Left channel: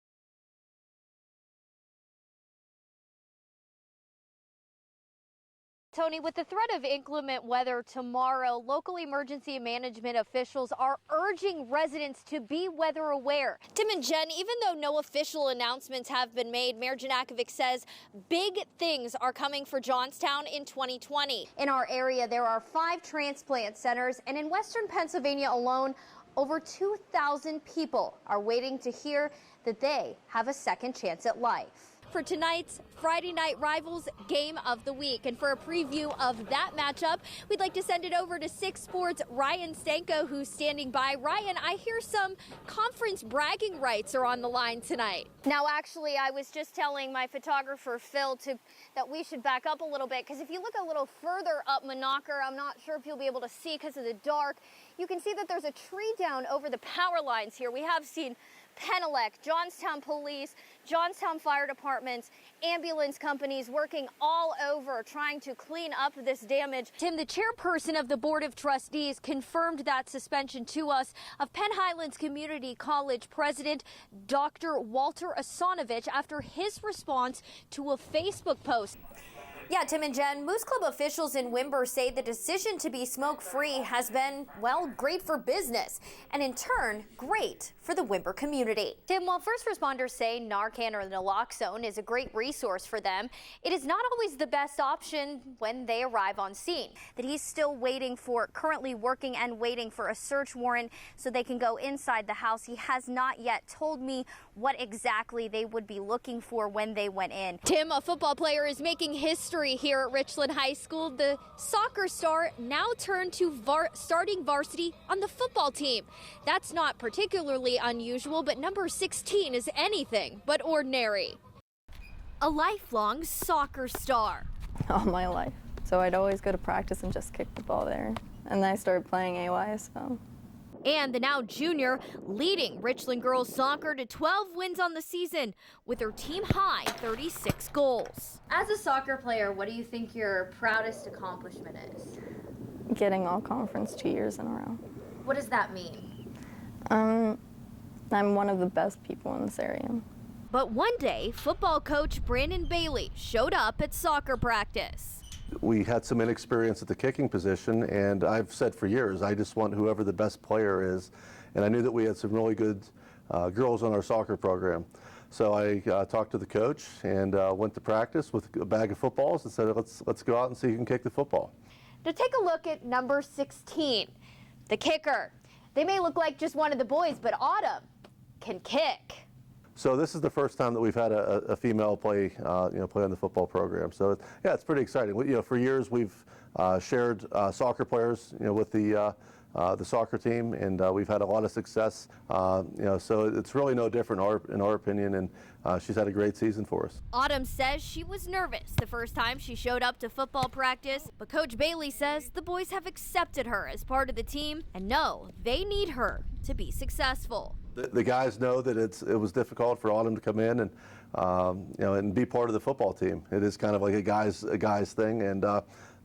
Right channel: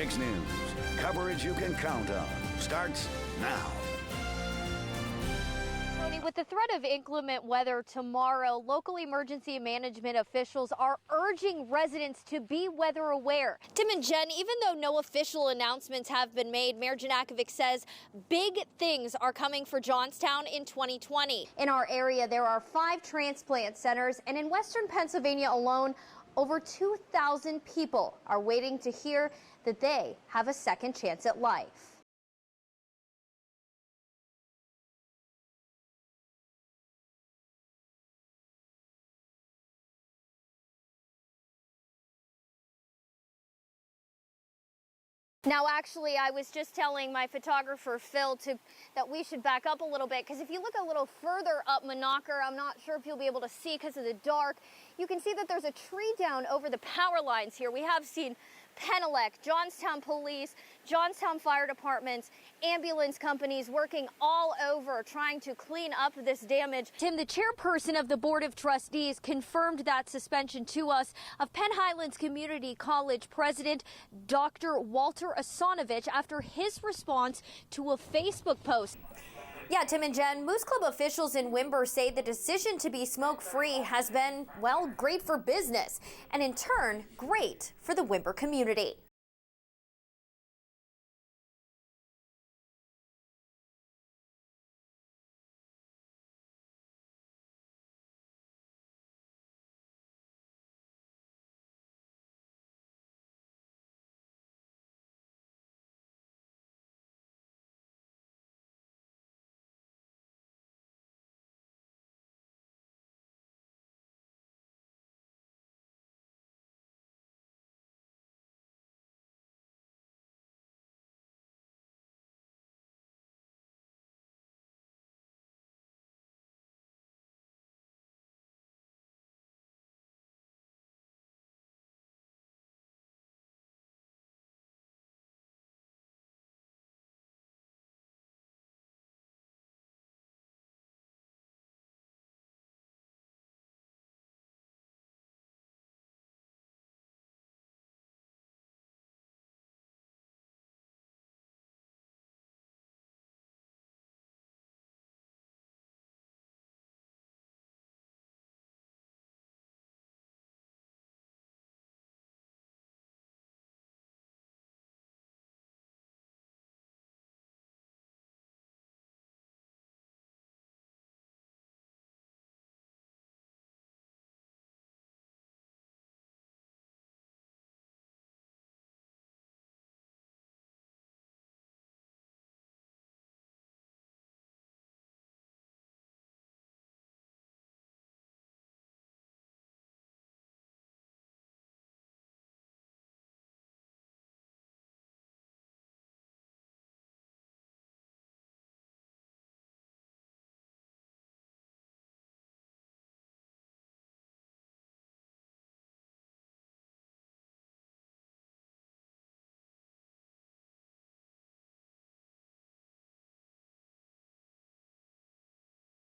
6 News. Coverage you can count on starts now. Tony, with the threat of inclement weather tomorrow, local emergency management officials are urging residents to be weather aware. Tim and Jen, even though no official announcements have been made, Mayor Janakovic says big things are coming for Johnstown in 2020. In our area, there are 5 transplant centers, and in western Pennsylvania alone, over 2,000 people are waiting to hear that they have a second chance at life. For tonight's Friday Night Rivals Game of the Week. And for a preview of that matchup, we'd like to send it over to 6 Sports' Ryan Stanko, who's standing by. Ryan, I hear some conference bragging rights are on the line tonight. Now, actually, I was just telling my photographer, Phil, that we should back up a little bit, because if you look a little further up Monaco, I'm not sure if you'll be able to see because of the dark, you can see that there's a tree down over the power lines here. We have seen Penelec, Johnstown Police, Johnstown Fire Departments, ambulance companies working all over trying to clean up this damage. Tim, the chairperson of the Board of Trustees, confirmed that suspension to us of Penn Highlands Community College President Dr. Walter Asanovich after his response to a Facebook post. Yeah, Tim and Jen, Moose Club officials in Wimber say the decision to be smoke-free has been, well, great for business, and in turn, great for the Wimber community. Tim, while first responders say Narcan or naloxone is a great resource for them, it is not always the best option when they arrive on scene. That he's still currently working and waiting for a search warrant so they can go inside the house. He has not yet told me what exactly they would be looking for when they went in. Tim, a football player, is making history here at Richland High School. The soccer star now turned to starting varsity on the football team. That's not particularly unusual, but number 16 is anything but ordinary. A lifelong soccer star. All my life. So I'd always go to practice and just kick the ball there. And then I started playing AY, so. And the now junior leading Richland girls soccer to 12 wins on the season with her team high 36 goals. As a soccer player, what do you think your proudest accomplishment is? Getting all conference 2 years in a row. What does that mean? I'm one of the best people in this area. But one day, football coach Brandon Bailey showed up at soccer practice. We had some inexperience at the kicking position, and I've said for years, I just want whoever the best player is. And I knew that we had some really good girls on our soccer program. So I talked to the coach and went to practice with a bag of footballs and said, let's go out and see who can kick the football. To take a look at number 16, the kicker. They may look like just one of the boys, but Autumn can kick. So this is the first time that we've had a female play on the football program. So yeah, it's pretty exciting. For years we've shared soccer players, with the soccer team, and we've had a lot of success. So it's really no different in our opinion, and she's had a great season for us. Autumn says she was nervous the first time she showed up to football practice, but Coach Bailey says the boys have accepted her as part of the team and know they need her to be successful. The guys know that it was difficult for Autumn to come in and be part of the football team. It is kind of like a guys thing, and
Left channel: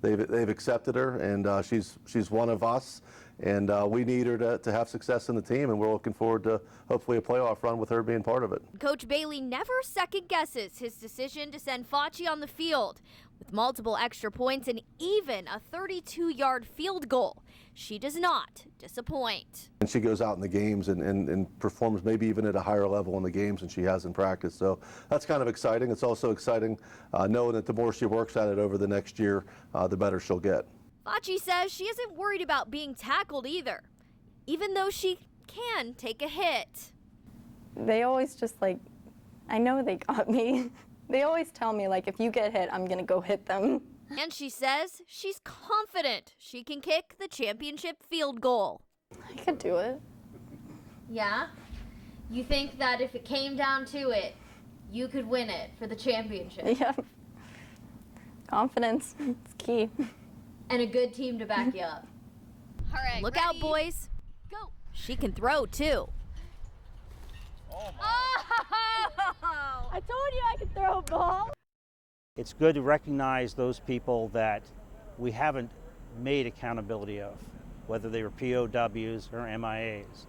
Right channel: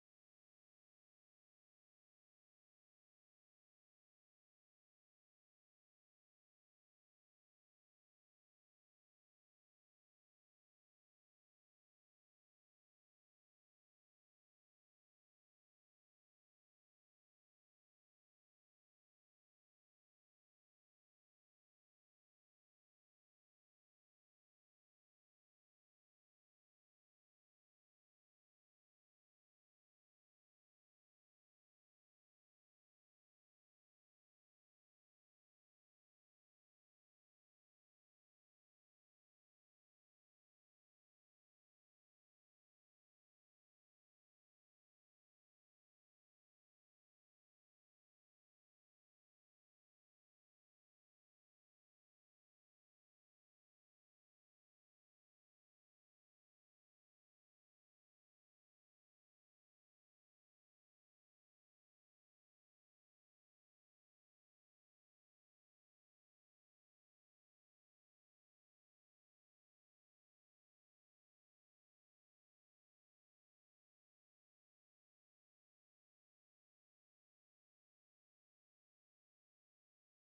they've accepted her, and she's one of us, and we need her to have success in the team, and we're looking forward to hopefully a playoff run with her being part of it. Coach Bailey never second guesses his decision to send Facci on the field. With multiple extra points and even a 32-yard field goal, she does not disappoint. And she goes out in the games and performs maybe even at a higher level in the games than she has in practice. So that's kind of exciting. It's also exciting knowing that the more she works at it over the next year, the better she'll get. Facci says she isn't worried about being tackled either, even though she can take a hit. They always just I know they got me. They always tell me, if you get hit, I'm going to go hit them. And she says she's confident she can kick the championship field goal. I could do it. Yeah? You think that if it came down to it, you could win it for the championship? Yeah. Confidence. It's key. And a good team to back you up. All right, look out, boys. Go. She can throw, too. Oh, I told you I could throw a ball. It's good to recognize those people that we haven't made accountability of, whether they were POWs or MIAs.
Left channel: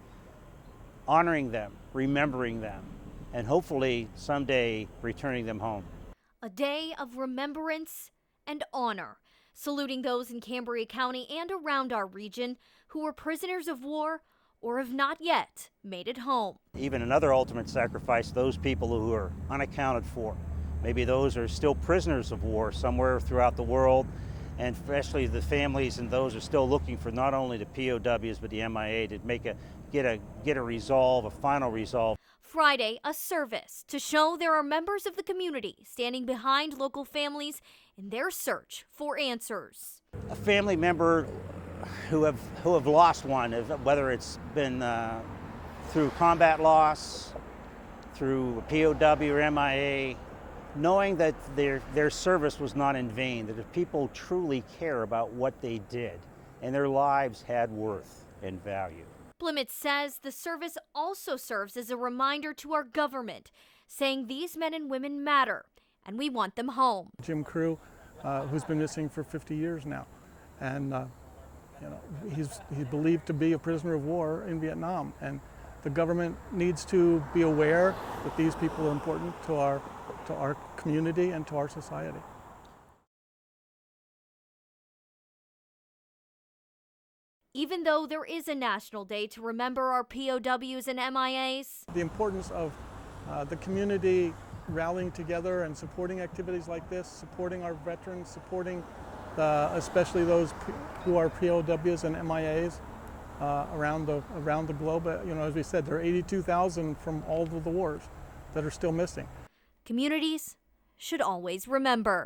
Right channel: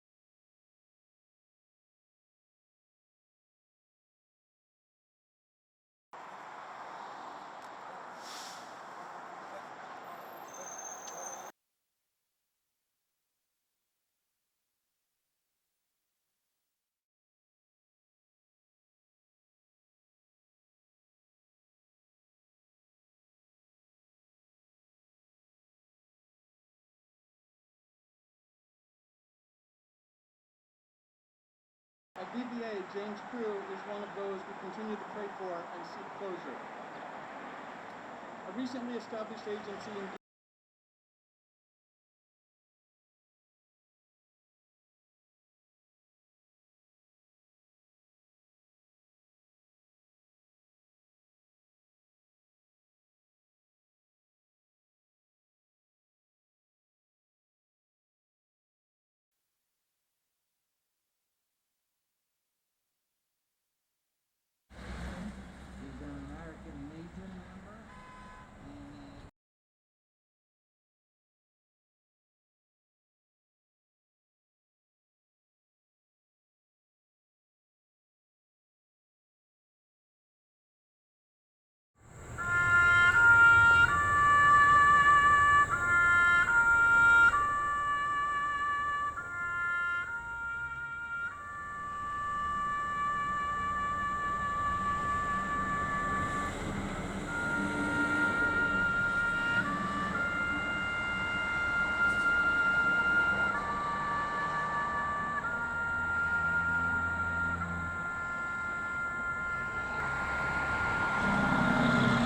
Honoring them, remembering them, and hopefully someday returning them home. A day of remembrance and honor, saluting those in Cambria County and around our region who were prisoners of war or have not yet made it home. Even another ultimate sacrifice, those people who are unaccounted for. Maybe those are still prisoners of war somewhere throughout the world, and especially the families and those are still looking for not only the POWs but the MIA to get a resolve, a final resolve. Friday, a service to show there are members of the community standing behind local families in their search for answers. A family member who have lost one, whether it's been through combat loss, through a POW or MIA, knowing that their service was not in vain, that if people truly care about what they did and their lives had worth and value. Plymouth says the service also serves as a reminder to our government, saying these men and women matter and we want them home. Jim Crew, who's been missing for 50 years now, and he's believed to be a prisoner of war in Vietnam, and the government needs to be aware that these people are important to our community and to our society. Even though there is a national day to remember our POWs and MIAs, the importance of the community rallying together and supporting activities like this, supporting our veterans, supporting especially those who are POWs and MIAs around the globe. As we said, there are 82,000 from all of the wars that are still missing. communities should always remember.